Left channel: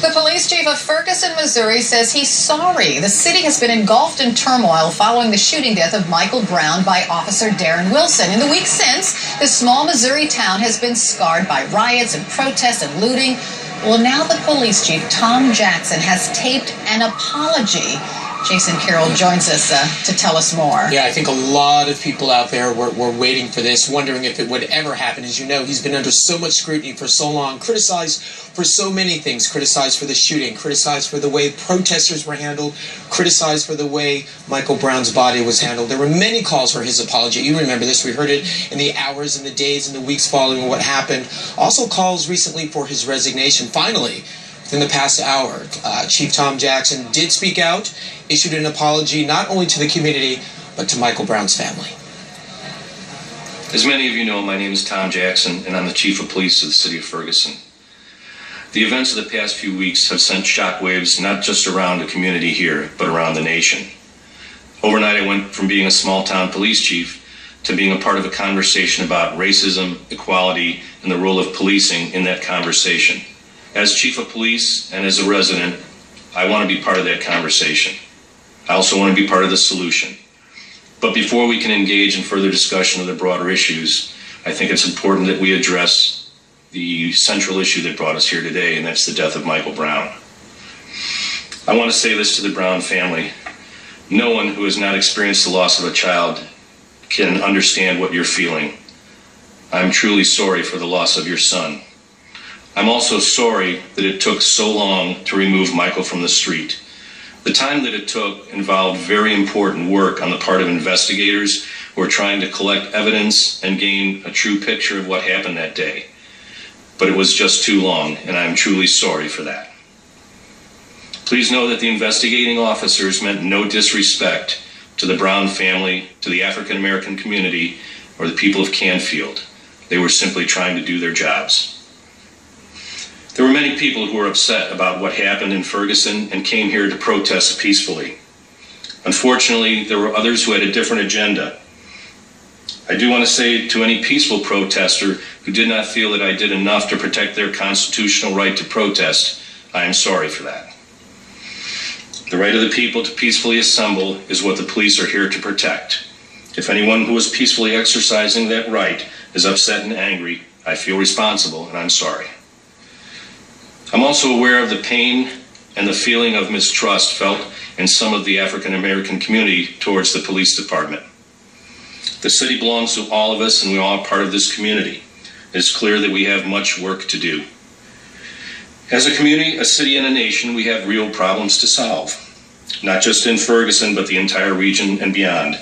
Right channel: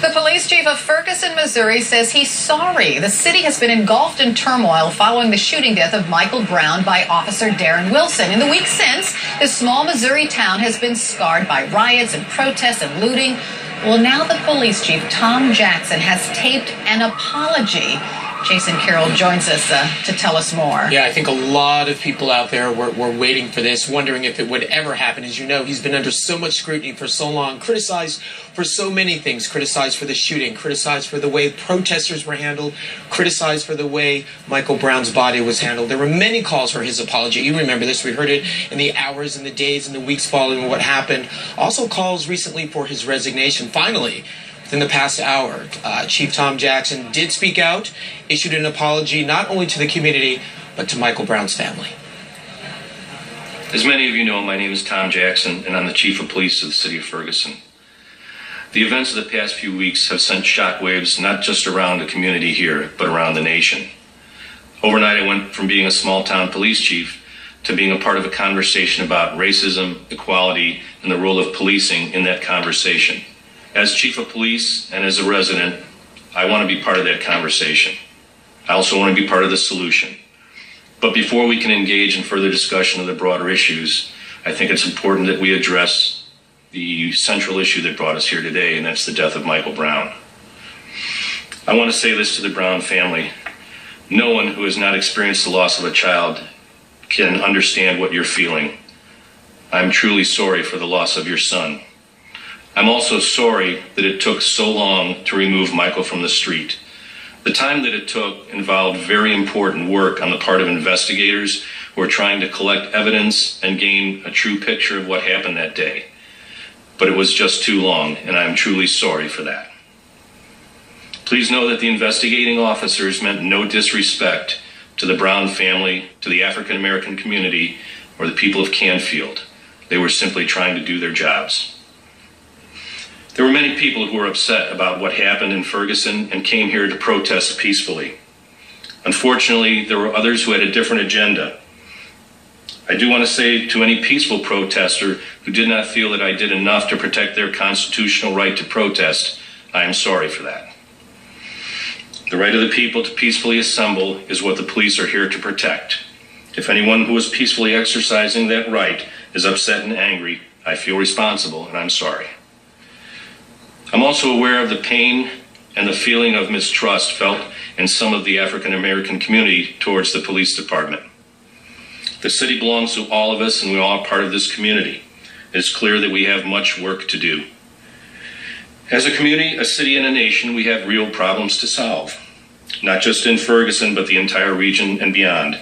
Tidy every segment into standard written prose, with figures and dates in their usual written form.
The police chief of Ferguson, Missouri, says he's sorry. The city has been engulfed in turmoil following the shooting death of Michael Brown by Officer Darren Wilson. In the week since, this small Missouri town has been scarred by riots and protests and looting. Well, now the police chief, Tom Jackson, has taped an apology. Jason Carroll joins us to tell us more. Yeah, I think a lot of people out there were waiting for this, wondering if it would ever happen. As you know, he's been under so much scrutiny for so long, criticized for so many things, criticized for the shooting, criticized for the way protesters were handled, criticized for the way Michael Brown's body was handled. There were many calls for his apology. You remember this. We heard it in the hours and the days and the weeks following what happened. Also calls recently for his resignation. Finally, within the past hour, Chief Tom Jackson did speak out, issued an apology not only to the community, but to Michael Brown's family. As many of you know, my name is Tom Jackson, and I'm the Chief of Police of the City of Ferguson. The events of the past few weeks have sent shockwaves not just around the community here, but around the nation. Overnight, I went from being a small-town police chief to being a part of a conversation about racism, equality, and the role of policing in that conversation. As Chief of Police and as a resident, I want to be part of that conversation. I also want to be part of the solution. But before we can engage in further discussion of the broader issues, I think it's important that we address the central issue that brought us here today, and that's the death of Michael Brown. I want to say this to the Brown family. No one who has not experienced the loss of a child can understand what you're feeling. I'm truly sorry for the loss of your son. I'm also sorry that it took so long to remove Michael from the street. The time that it took involved very important work on the part of investigators who are trying to collect evidence and gain a true picture of what happened that day. But it was just too long, and I'm truly sorry for that. Please know that the investigating officers meant no disrespect to the Brown family, to the African American community, or the people of Canfield. They were simply trying to do their jobs. There were many people who were upset about what happened in Ferguson and came here to protest peacefully. Unfortunately, there were others who had a different agenda. I do want to say to any peaceful protester who did not feel that I did enough to protect their constitutional right to protest, I am sorry for that. The right of the people to peacefully assemble is what the police are here to protect. If anyone who is peacefully exercising that right is upset and angry, I feel responsible and I'm sorry. I'm also aware of the pain and the feeling of mistrust felt in some of the African American community towards the police department. The city belongs to all of us and we all are part of this community. It is clear that we have much work to do. As a community, a city, and a nation, we have real problems to solve. Not just in Ferguson, but the entire region and beyond.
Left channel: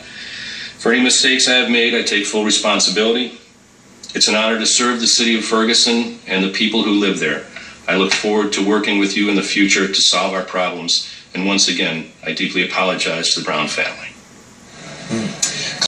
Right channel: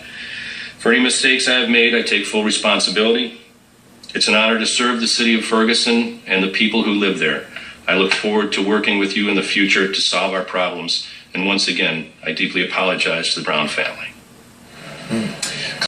For any mistakes I have made, I take full responsibility. It's an honor to serve the city of Ferguson and the people who live there. I look forward to working with you in the future to solve our problems. And once again, I deeply apologize to the Brown family.